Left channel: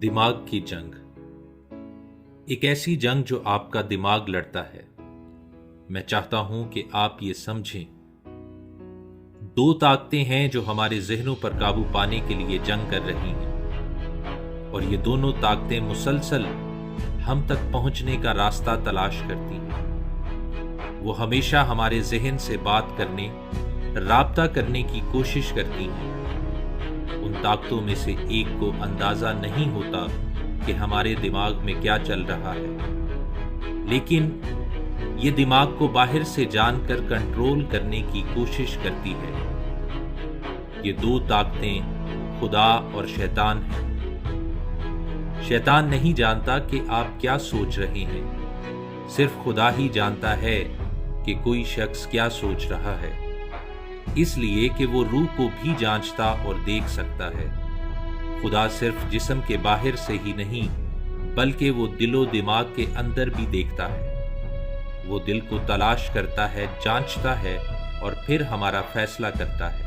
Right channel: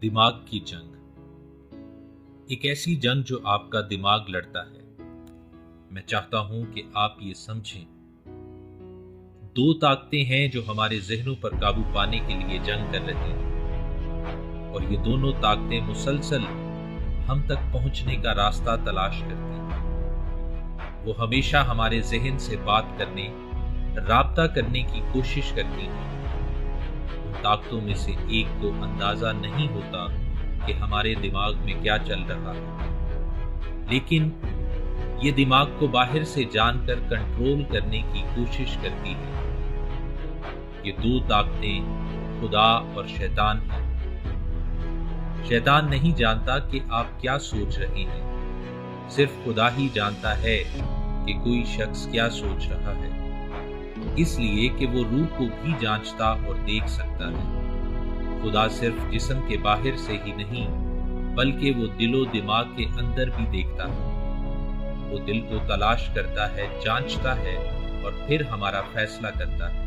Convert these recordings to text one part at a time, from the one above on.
दिमाग की जंग, एक ऐसी जंग जो आपका दिमाग लड़ता है। मैं चाहता हूं कि आप ये समझें, दो ताकतें हैं जो हमारे जहनों पर काबू पाने के लिए जंग कर रही हैं, और ये दोनों ताकतें मुसलसल हम तक पहुंचने का रास्ता तलाश करती हैं। वो हमेशा हमारे जहन से बात करने, राब्ता करने की कोशिश करती हैं। उन ताकतों में से एक को अंदाजा नहीं होता कि हमारे दिमाग में क्या चल रहा है, लेकिन ये दिमाग को बाहर से जानकर कंट्रोल करने की कोशिश करती है। ये दो ताकतें खुदा और शैतान हैं। शैतान नहीं जानता कि आप क्या सोच रहे हैं, सिर्फ खुदा ही जानता है कि कोई शख्स क्या सोच रहा है, इसलिए कि वो रूह को भी जांचता और देख सकता है। खुदा सिर्फ जिस्म के बाहर से ही नहीं, बल्कि वो दिलो दिमाग के अंदर भी देखता है। वो दिल को तलाश करता है, जांचता है और फिर हमारा फैसला करता है।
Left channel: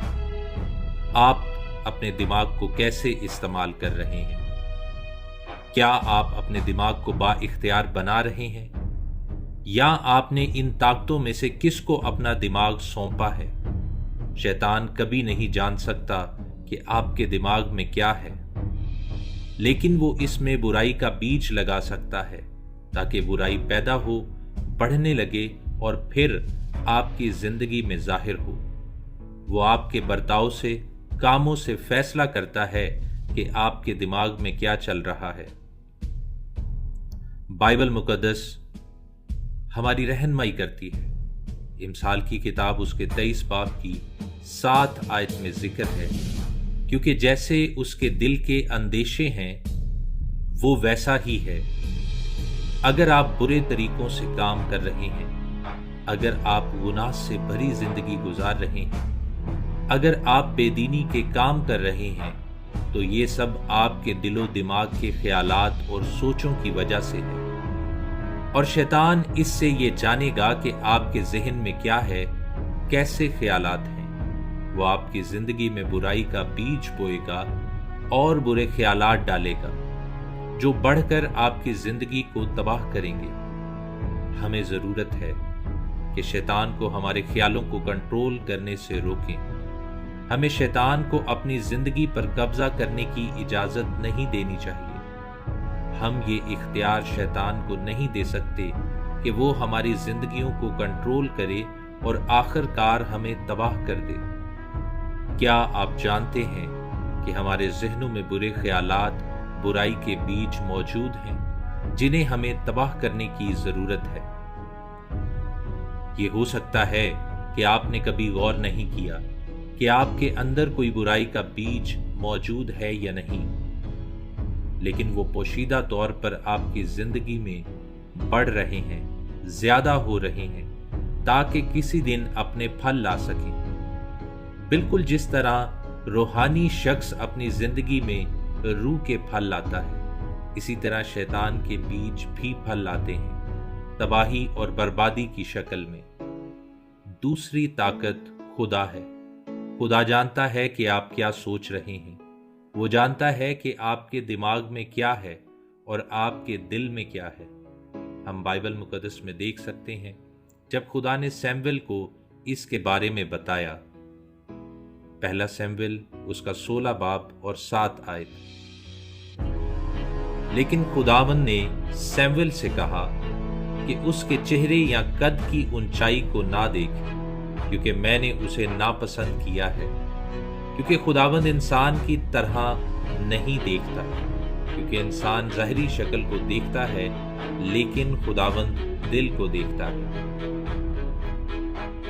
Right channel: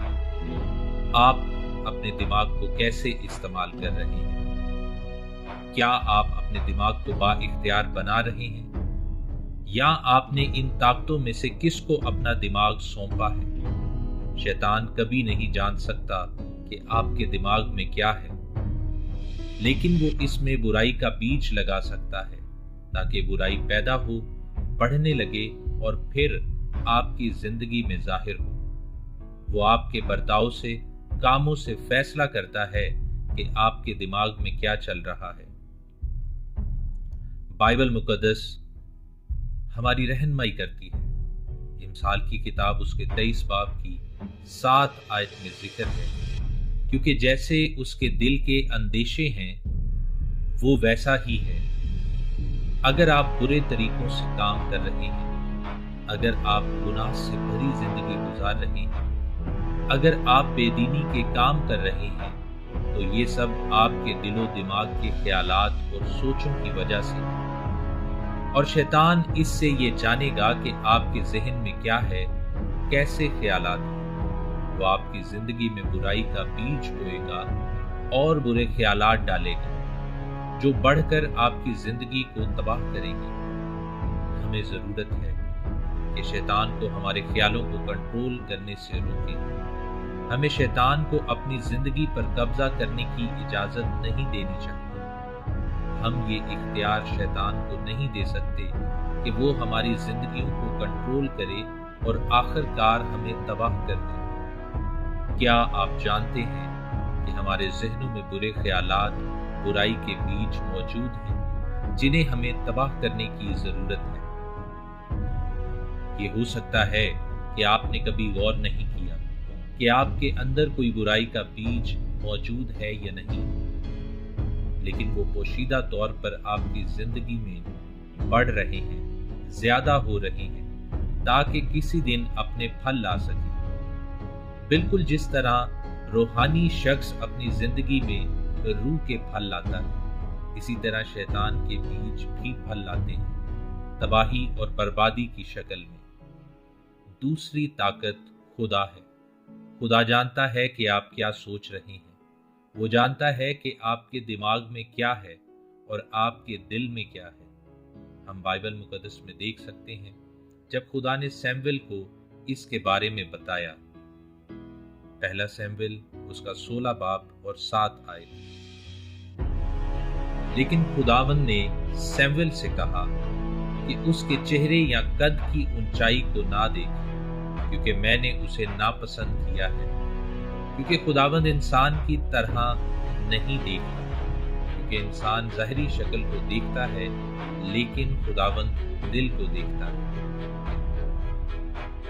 आप अपने दिमाग को कैसे इस्तेमाल कर रहे हैं? क्या आप अपने दिमाग को बाइख्तियार बना रहे हैं, या आपने इन ताकतों में से किसको अपना दिमाग सौंपा है? शैतान कभी नहीं जान सकता कि आपके दिमाग में क्या है, लेकिन वो इसमें बुराई का बीज लगा सकता है ताकि बुराई पैदा हो, बढ़ने लगे और फिर आपकी जिंदगी में जाहिर हो। वो आपके बर्ताव से, कामों से फैसला करता है कि आपके दिमाग में क्या चल रहा है। बाइबल मुकद्दस हमारी रहनुमाई करती है। इमसाल की किताब उसके 23 बाब की 7 आयत में जिक्र है, क्योंकि जैसे उसके दिल के अंदेशे हैं वो वैसा ही है। अगर आप बुरे तरीकों से काम कर रहे हैं, अगर आप गुनाह से भरी जिंदगी गुजार रहे हैं, अगर आप बेदीनी के काम कर रहे हैं, तो ये सब आपके दिलो दिमाग के ख्यालात और सोचों की वजह से है। और शैतान इससे ये जानेगा कि आपके जहन में क्या है, कैसे ख्यालात हैं। वो आपकी जिंदगी में बुराई का बीज बोएगा और बुरे ख्यालात डालेगा, जो बढ़कर आपकी जिंदगी को तबाह करेंगे। हमें जरूरत है कि शैतान को हमारे ख्यालों को कंट्रोल करने से रोकें। हमें शैतान को अपनी जिंदगी पर कब्जा करने की इजाजत नहीं देनी चाहिए। हम ये इख्तियार शैतान को नहीं दे सकते कि वो हमारी जिंदगियों को कंट्रोल करे और आखिरकार हमें तबाह कर दे। क्या आप जानते हैं कि हमारे जहनों में बुरे ख्यालात, बुराई के बीज मौजूद हैं, जिन्हें हमें तबाह करने की जरूरत है? ये हो सकता है कि आपने कभी गौर नहीं किया कि आपके अंदर कोई बुराई का बीज मौजूद है या नहीं, लेकिन वो पोशीदा तौर पर आपकी जिंदगी में बढ़ रहे हैं, ज्यादा हो रहे हैं, ताकि किसी दिन अपने फल ला सके। बिल्कुल जिस तरह रूहानी शख्स अपनी जिंदगी में रूह के फल लाता है, इसी तरह शैतान के बीज भी फल लाते हैं, तबाही और बर्बादी की शक्ल में। दूसरी ताकत खुदा है। खुदा जानता है कि आप क्या सोच रहे हैं। वो जानता है कि आपके दिमाग में क्या है और आपके दिल में क्या है। हम बाइबल मुकद्दस में देख सकते हैं, जब खुदा ने सैमुएल को इसके बारे में बताया। पहला सैमुएल उसका 16 बाब और 7 आयत। लेकिन खुदावन ने सैमुएल से कहा कि उसके चेहरे या कद की ऊंचाई को ना देखे, क्योंकि मैंने उसे नापसंद किया है। क्योंकि खुदावंद इंसान की तरह नहीं देखता, क्योंकि इंसान ज़ाहिरी शक्ल को देखता है, लेकिन खुदावंद दिल को देखता है।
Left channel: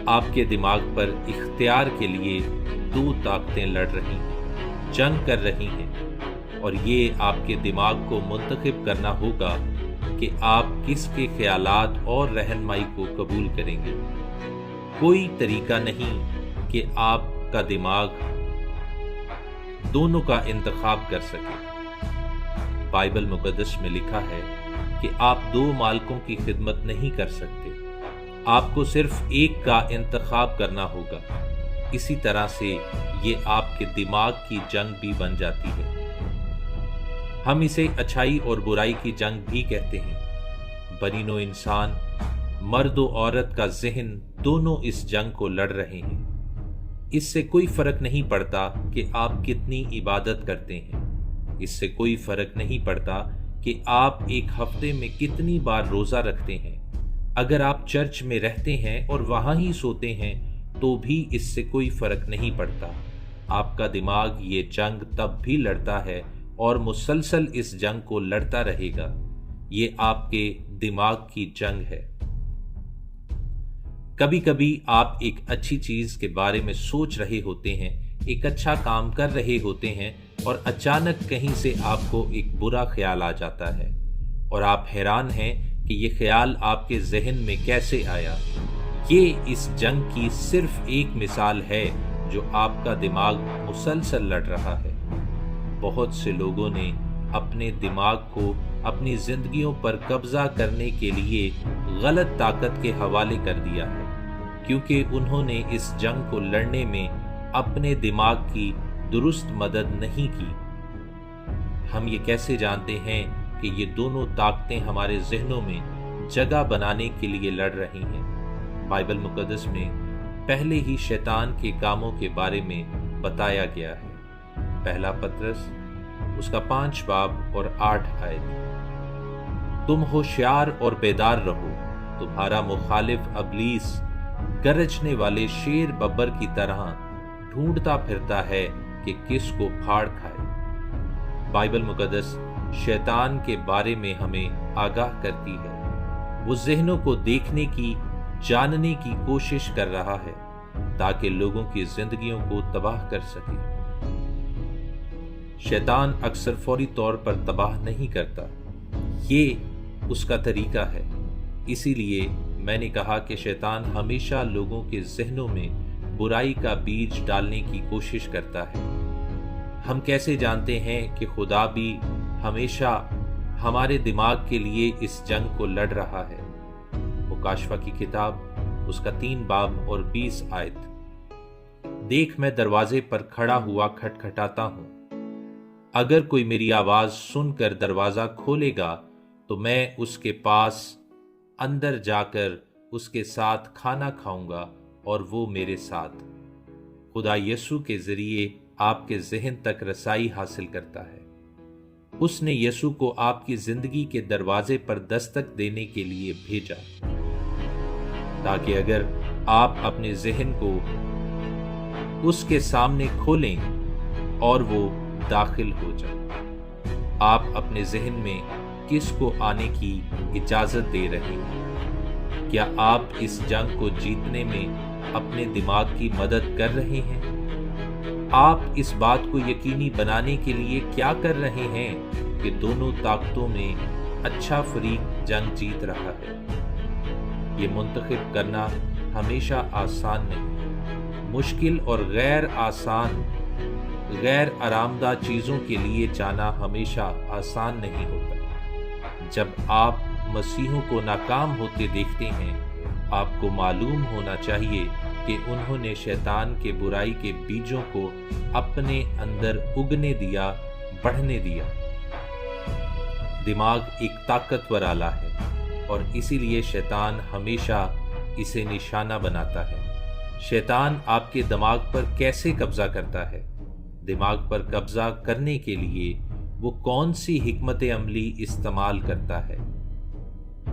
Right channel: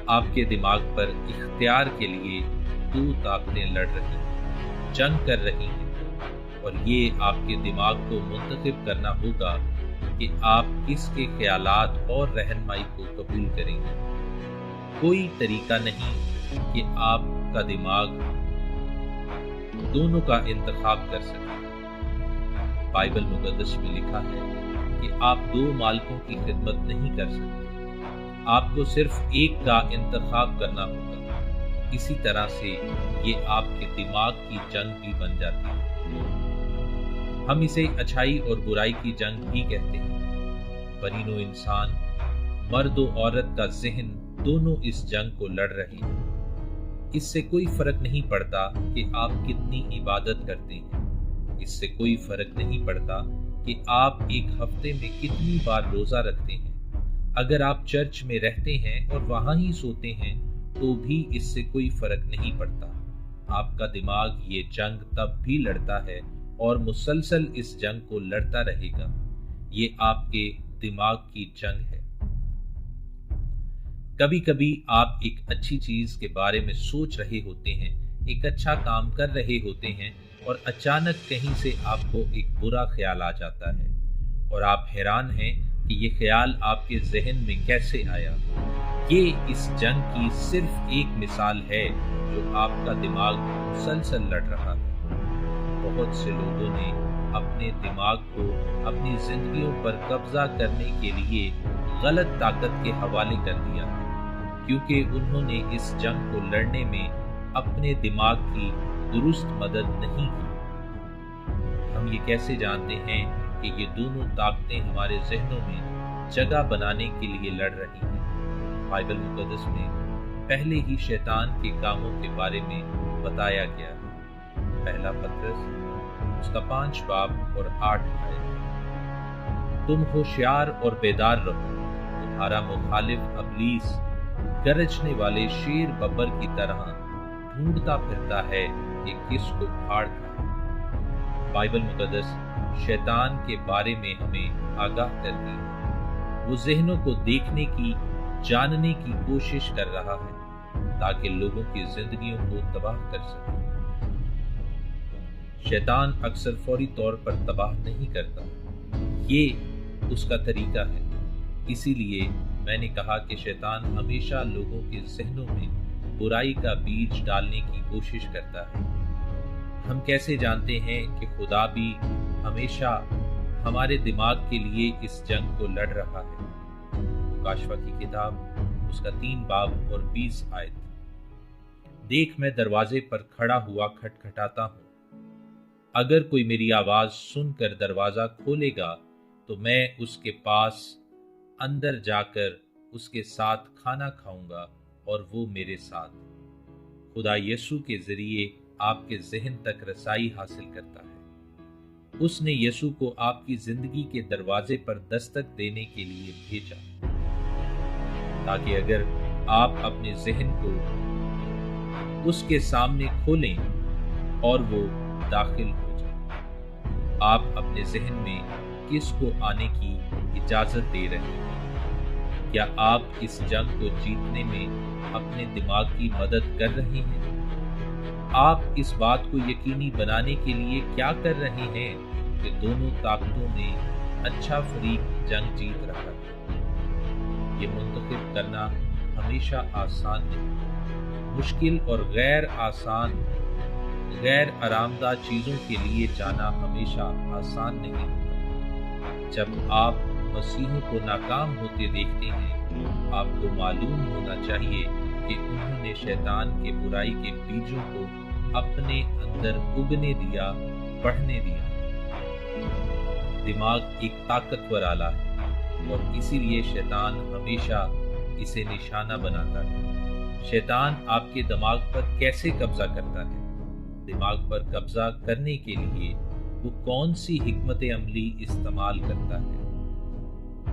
आपके दिमाग पर इख्तियार के लिए दो ताकतें लड़ रही हैं, जंग कर रही हैं, और ये आपके दिमाग को मुंतखब करना होगा कि आप किसके ख्यालात और रहनुमाई को कबूल करेंगे। कोई तरीका नहीं कि आपका दिमाग दोनों का इंतखाब कर सके। बाइबल मुकद्दस में लिखा है कि आप दो मालिकों की खिदमत नहीं कर सकते, आपको सिर्फ एक का इंतखाब करना होगा। इसी तरह से ये आपके दिमाग की जंग भी बन जाती है। हम इसे अच्छाई और बुराई की जंग भी कहते हैं। बरीनो इंसान, मर्द और औरत का ज़हन दोनों इस जंग को लड़ रहे हैं। इससे कोई फर्क नहीं पड़ता कि आप कितनी इबादत करते हैं। इससे कोई फर्क नहीं पड़ता कि आप एक हफ्ते में कितनी बार रोजा रखते हैं। अगर आप चर्च में रहते हैं और वहां ही सोते हैं तो भी इससे कोई फर्क नहीं पड़ता। आपका दिमाग ये जंग तब भी लड़ता है और मुसलसल इस जंग को लड़ता रहेगा। ये आपके दिमाग की जंग है। कभी कभी आप एक अच्छी चीज के बारे में सोच रहे होते हैं, एक अच्छा काम कर रहे होते हैं और अचानक कहीं से आपको एक बुरा ख्याल आ जाता है और आप हैरान हैं कि ये ख्याल आपके जहन में कैसे आया। ये इस जंग की सिर्फ एक मिसाल है जो आपका दिमाग मुसलसल लड़ रहा है। बहुत से लोगों ने अपने दिमाग को अपनी जिंदगियों पर कब्जा करने के लिए गलत ताकत के हवाले कर दिया है, क्योंकि उन्होंने इस जंग को लड़ने में अपने दिमाग की दुरुस्त मदद नहीं की। हम ये कैसे जानते हैं कि ये दोनों ताकतें हमारे जहनों में जगह बनाने के लिए लड़ रही हैं? बाइबल मुकद्दस में पहले ही शैतान के कामों के बारे में बताया गया है। पहला पतरस उसका 5 बाब और 8 आयत। तुम होशियार और बेदार रहो, तुम्हारा मुखालिफ अबलीस गरजने वाले शेर बब्बर की तरह ढूंढता फिरता है कि किसको फाड़ खाए। बाइबल मुकद्दस शैतान के बारे में हमें आगाह करती है। वो ज़हनों को देखने की, जानने की कोशिश कर रहा है ताकि लोगों की जिंदगियों को तबाह कर सके। शैतान अक्सर फौरी तौर पर तबाह नहीं करता, ये उसका तरीका है। इसीलिए मैंने कहा कि शैतान हमेशा लोगों के जहनों में बुराई का बीज डालने की कोशिश करता है। हम कैसे जानते हैं कि खुदा भी हमेशा हमारे दिमाग के लिए इस जंग को लड़ रहा है? मुकाशवा की किताब उसका 3 बाब और 20 आयत। देख, मैं दरवाजे पर खड़ा हुआ खटखटाता हूँ। अगर कोई मेरी आवाज सुनकर दरवाजा खोलेगा तो मैं उसके पास अंदर जाकर उसके साथ खाना खाऊंगा और वो मेरे साथ। खुदा यीशु के जरिए आपके जहन तक रसाई हासिल करता है। उसने यीशु को आपकी जिंदगी के दरवाजे पर दस्तक देने के लिए भेजा, ताकि अगर आप अपने जहन को उसके सामने खोलें और वो दाखिल हो जाए। आप अपने जहन में किसको आने की इजाजत दे रहे हैं? क्या आप इस जंग को जीतने में अपने दिमाग की मदद कर रहे हैं? आप इस बात को यकीनी बनाने के लिए क्या कर रहे हैं कि दोनों ताकतों में अच्छा फरीक जंग जीत रहा है? ये मुंतखब करना हमेशा आसान नहीं। मुश्किल और गैर आसान, गैर आरामदा चीजों के लिए जाना हमेशा आसान नहीं होता। जब आप मसीहों को नाकाम होते देखते हैं, आपको मालूम होना चाहिए कि उन्होंने शैतान के बुराई के बीजों को अपने अंदर उगने दिया, बढ़ने दिया। दिमाग एक ताकतवर आला है और इसीलिए शैतान हमेशा इसे निशाना बनाता है। शैतान आपके दिमाग पर कैसे कब्जा करता है? दिमाग पर कब्जा करने के लिए वो कौन सी हिकमत अमली इस्तेमाल करता है?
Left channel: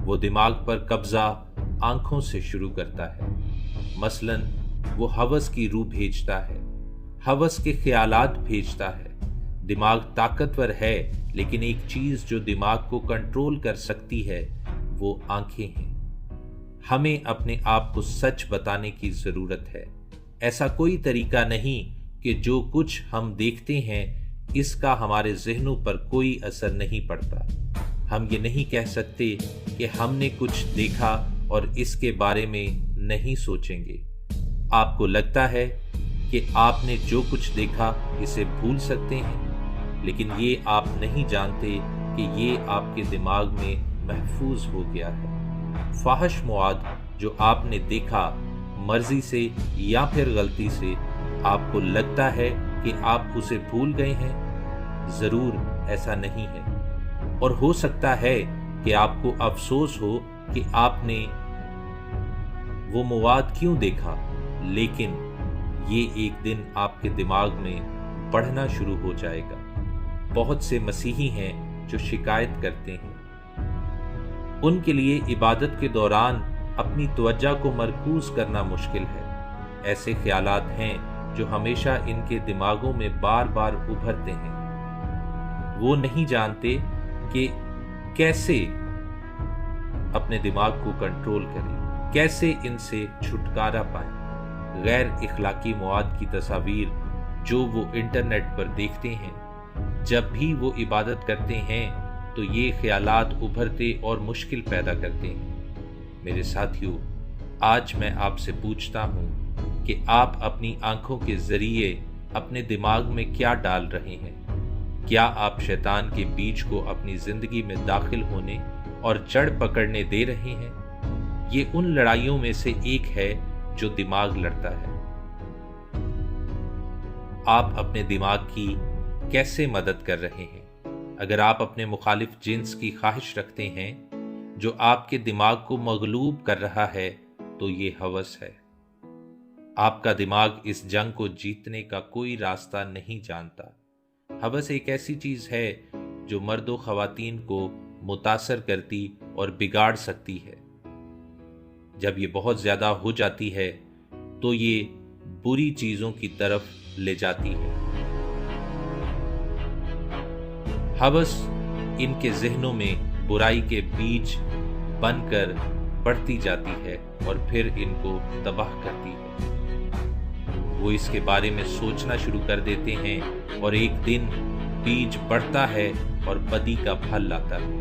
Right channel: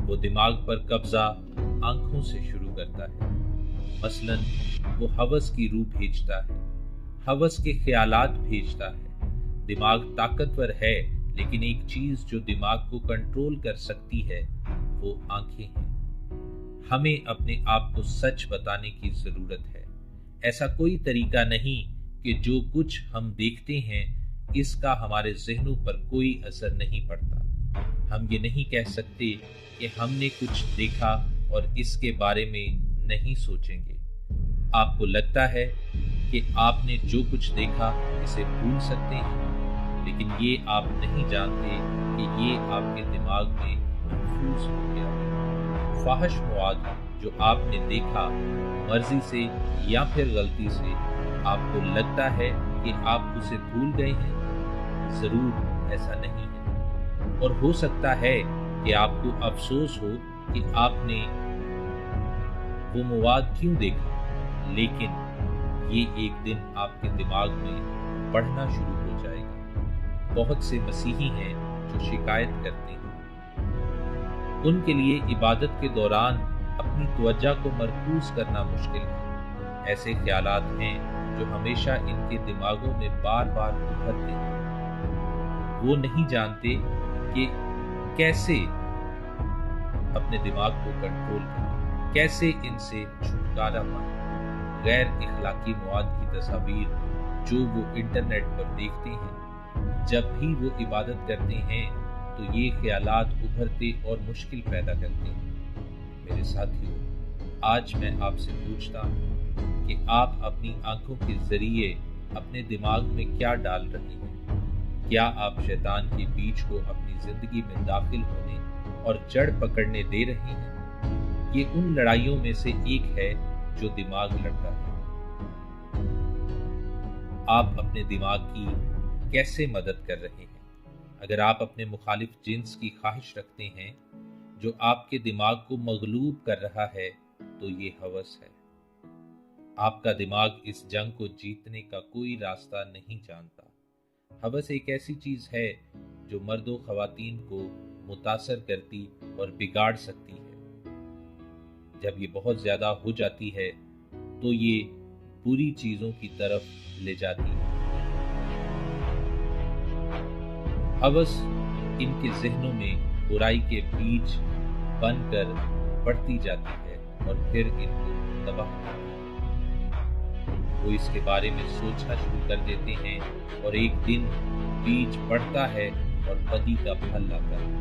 वो दिमाग पर कब्जा आंखों से शुरू करता है। मसलन वो हवस की रूह भेजता है, हवस के ख्यालात भेजता है। दिमाग ताकतवर है, लेकिन एक चीज जो दिमाग को कंट्रोल कर सकती है वो आंखें हैं। हमें अपने आप को सच बताने की जरूरत है। ऐसा कोई तरीका नहीं कि जो कुछ हम देखते हैं इसका हमारे जहनों पर कोई असर नहीं पड़ता। हम ये नहीं कह सकते कि हमने कुछ देखा और इसके बारे में नहीं सोचेंगे। आपको लगता है कि आपने जो कुछ देखा इसे भूल सकते हैं, लेकिन ये आप नहीं जानते कि ये आपके दिमाग में महफूज हो गया है। फाहिश मवाद जो आपने देखा मर्जी से या फिर गलती से, आपको लगता है कि आप उसे भूल गए हैं? जरूर ایسا نہیں ہے، اور ہو سکتا ہے کہ آپ کو افسوس ہو کہ آپ نے وہ مواد کیوں دیکھا، لیکن یہ ایک دن آپ کے دماغ میں پڑھنا شروع ہو جائے گا۔ بہت سے مسیحی ہیں جو شکایت کرتے ہیں، ان کے لیے عبادت کے دوران اپنی توجہ کو مرکوز کرنا مشکل ہے۔ ایسے خیالات ہیں جو ہمیشہ ان کے دماغوں میں بار بار ابھرتے ہیں۔ وہ نہیں جانتے کہ کیسے اپنے دماغ کو کنٹرول کریں، کیسے ان سے چھٹکارا پائیں۔ غیر اخلاقی مواد کی تصاویر جو وہ انٹرنیٹ پر دیکھتے ہیں، جب بھی وہ عبادت کرتے ہیں تو یہ خیالات ابھرتے اور مشکل پیدا کرتے ہیں۔ میرے ساتھیو، آج میں آپ سے پوچھتا ہوں کہ آپ اپنی آنکھوں کے ذریعے اپنے دماغ میں کیا ڈال رہے ہیں؟ کیا آپ شیطان کے بیج کو اپنی زندگی میں داخل ہونے اور جڑ پکڑنے دے رہے ہیں؟ یہ ان لڑائیوں میں سے ایک ہے جو دماغ لڑتا ہے۔ آپ اپنے دماغ کی کیسے مدد کر رہے ہیں؟ اگر آپ اپنے مخالف جنس کی خواہش رکھتے ہیں جو آپ کے دماغ کو مغلوب کر رہا ہے تو یہ ہوس ہے۔ آپ کا دماغ اس جنگ کو جیتنے کا کوئی راستہ نہیں جانتا۔ ہوس ایک ایسی چیز ہے جو مرد و خواتین کو متاثر کرتی اور بگاڑ سکتی ہے۔ جب یہ بہت زیادہ ہو جاتی ہے تو یہ بری چیزوں کی طرف لے جاتی ہے۔ ہوس ان کے ذہنوں میں برائی کے بیج بن کر بڑھتی جاتی ہے اور پھر ان کو تباہ کرتی ہے۔ وہ اس کے بارے میں سوچنا شروع کر دیتے ہیں اور ایک دن بیج بڑھتا ہے اور بدی کا پھل لاتا ہے۔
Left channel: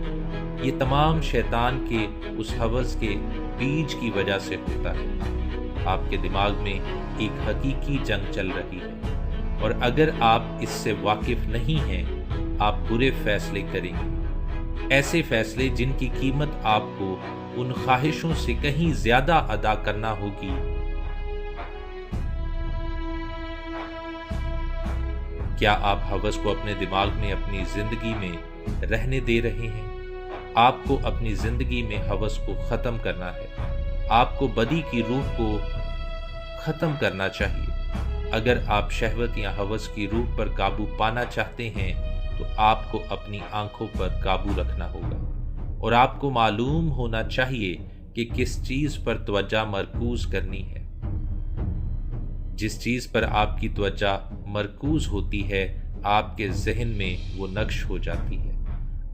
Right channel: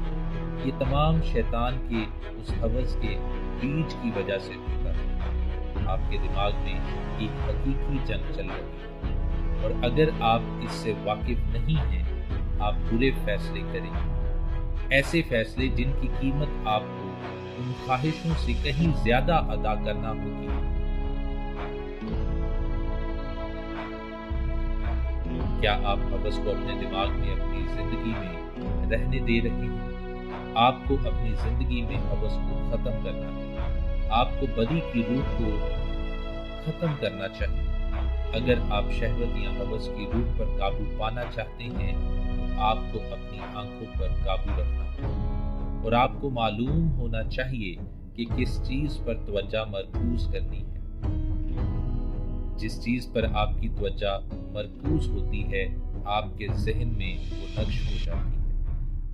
یہ تمام شیطان کے اس ہوس کے بیج کی وجہ سے ہوتا ہے۔ آپ کے دماغ میں ایک حقیقی جنگ چل رہی ہے، اور اگر آپ اس سے واقف نہیں ہیں، آپ برے فیصلے کریں گے، ایسے فیصلے جن کی قیمت آپ کو ان خواہشوں سے کہیں زیادہ ادا کرنا ہوگی۔ کیا آپ ہوس کو اپنے دماغ میں اپنی زندگی میں رہنے دے رہے ہیں؟ آپ کو اپنی زندگی میں ہوس کو ختم کرنا ہے۔ آپ کو بدی کی روح کو ختم کرنا چاہیے۔ اگر آپ شہوت یا ہوس کی روح پر قابو پانا چاہتے ہیں تو آپ کو اپنی آنکھوں پر قابو رکھنا ہوگا، اور آپ کو معلوم ہونا چاہیے کہ کس چیز پر توجہ مرکوز کرنی ہے۔ جس چیز پر آپ کی توجہ مرکوز ہوتی ہے، آپ کے ذہن میں وہ نقش ہو جاتی ہے۔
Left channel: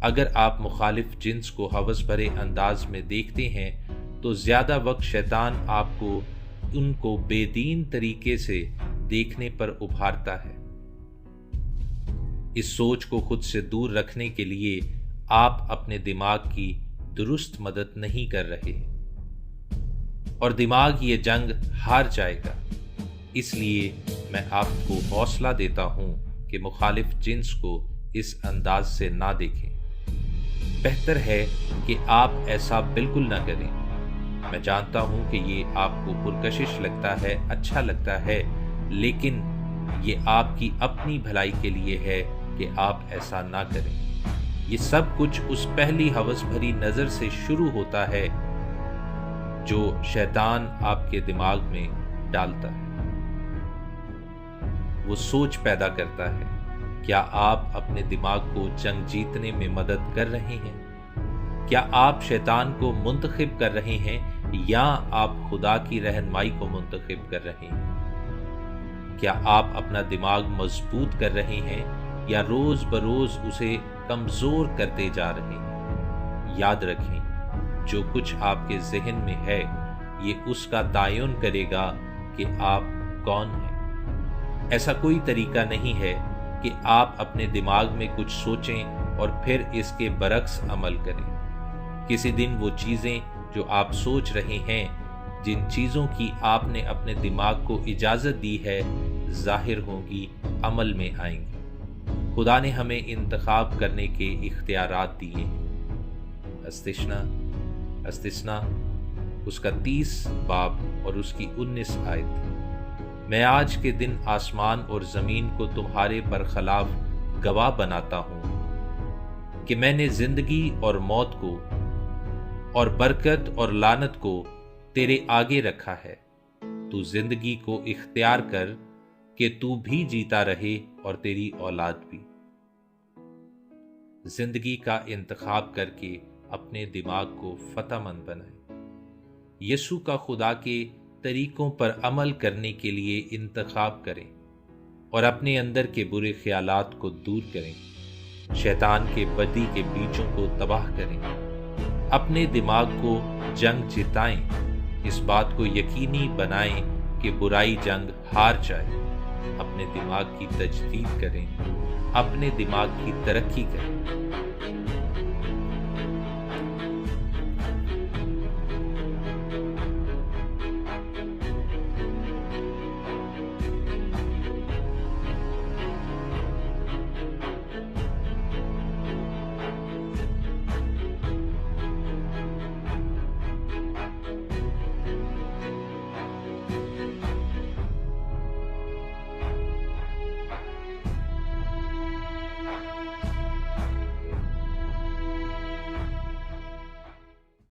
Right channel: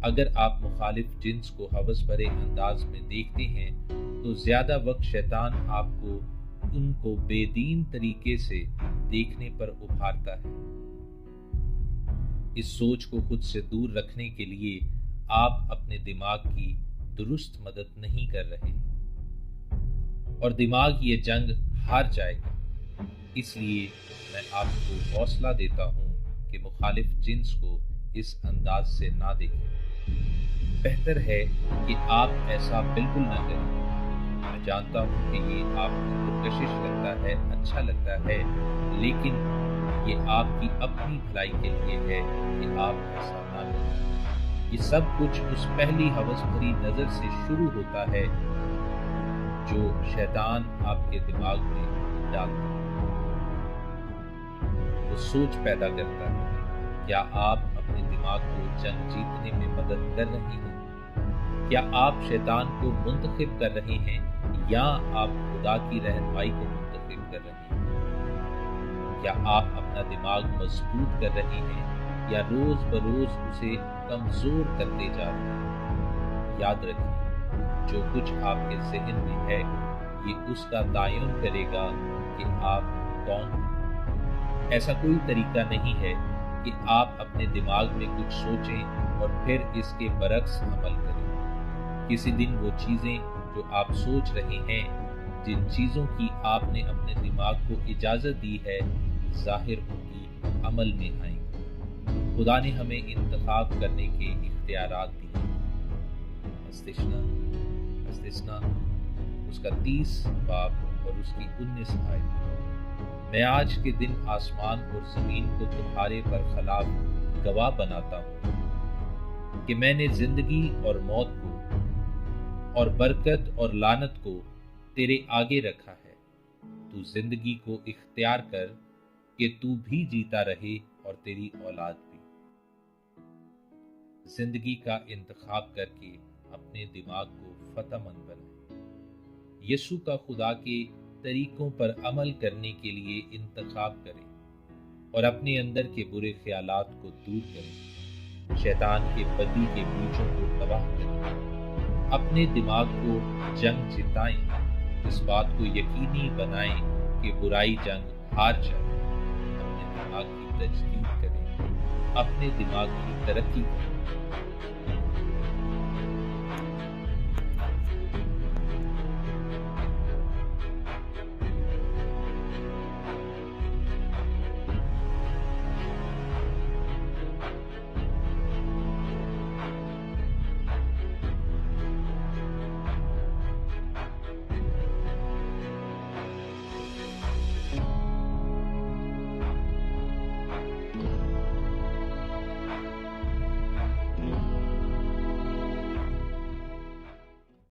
اگر آپ مخالف جنس کو ہوس بھرے انداز میں دیکھتے ہیں تو زیادہ وقت شیطان آپ کو ان کو بے دین طریقے سے دیکھنے پر ابھارتا ہے۔ اس سوچ کو خود سے دور رکھنے کے لیے آپ اپنے دماغ کی درست مدد نہیں کر رہے، اور دماغ یہ جنگ ہار جائے گا۔ اس لیے میں آپ کو حوصلہ دیتا ہوں کہ مخالف جنس کو اس انداز سے نہ دیکھیں۔ بہتر ہے کہ آپ ایسا بالکل نہ کریں۔ میں جانتا ہوں کہ یہ آپ کو پرکشش لگتا ہے، اچھا لگتا ہے، لیکن یہ آپ کی اپنی بھلائی کے لیے ہے کہ آپ ایسا نہ کریں۔ یہ سب کچھ اس پہلی ہوس بھری نظر سے شروع ہوتا ہے جو شیطان آپ کے دماغ میں ڈالتا ہے۔ وہ سوچ پیدا کرتا ہے۔ کیا آپ اپنے دماغ کو جنگ جیتنے میں مدد کر رہے ہیں؟ کیا آپ شیطان کو منتخب کر رہے ہیں یا آپ خدا کی رہنمائی کو منتخب کر رہے ہیں؟ کیا آپ اپنا دماغ مضبوط کر رہے ہیں یا روز بروز اسے کمزور کرتے جا رہے ہیں؟ یاد رکھیں، جو کچھ آپ کے ذہن میں ہے یہ اس کا تعین کرے گا کہ آپ کون ہیں۔ ایسا کوئی طریقہ نہیں ہے کہ آپ اپنے دماغ میں کچھ سوچیں اور پھر اس کے برعکس عمل کریں۔ کسی دن وہ چیزیں جو آپ سوچ رہے ہیں، جن چیزوں کی آپ نے اپنے دماغ کو اجازت دی ہے، ظاہر ہوں گی، عمل میں آئیں گی۔ خدا نے ہمیں انتخاب کرنے کے اختیارات دیے۔ استثنا اس کا 30 باب اور اس کی 19 آیت۔ میں آج کے دن آسمان اور زمین کو تمہارے برخلاف گواہ بناتا ہوں کہ میں نے زندگی اور موت کو اور برکت اور لعنت کو تیرے آگے رکھا ہے۔ تو زندگی کو اختیار کر کہ تو بھی جیتا رہے اور تیری اولاد بھی۔ زندگی کا انتخاب کر کے اپنے دماغ کو فتح مند بنائیں۔ یسوع کا خدا کے طریقوں پر عمل کرنے کے لیے انتخاب کریں اور اپنے اندر کے برے خیالات کو دور کریں۔ شیطان کے بدی کے بیجوں کو تباہ کریں۔ اپنے دماغ کو جنگ جتائیں۔ اس بات کو یقینی بنائیں کہ برائی جنگ ہار جائے۔ اپنے دماغ کی تجدید کریں۔ اپنے دماغ کی ترقی کریں۔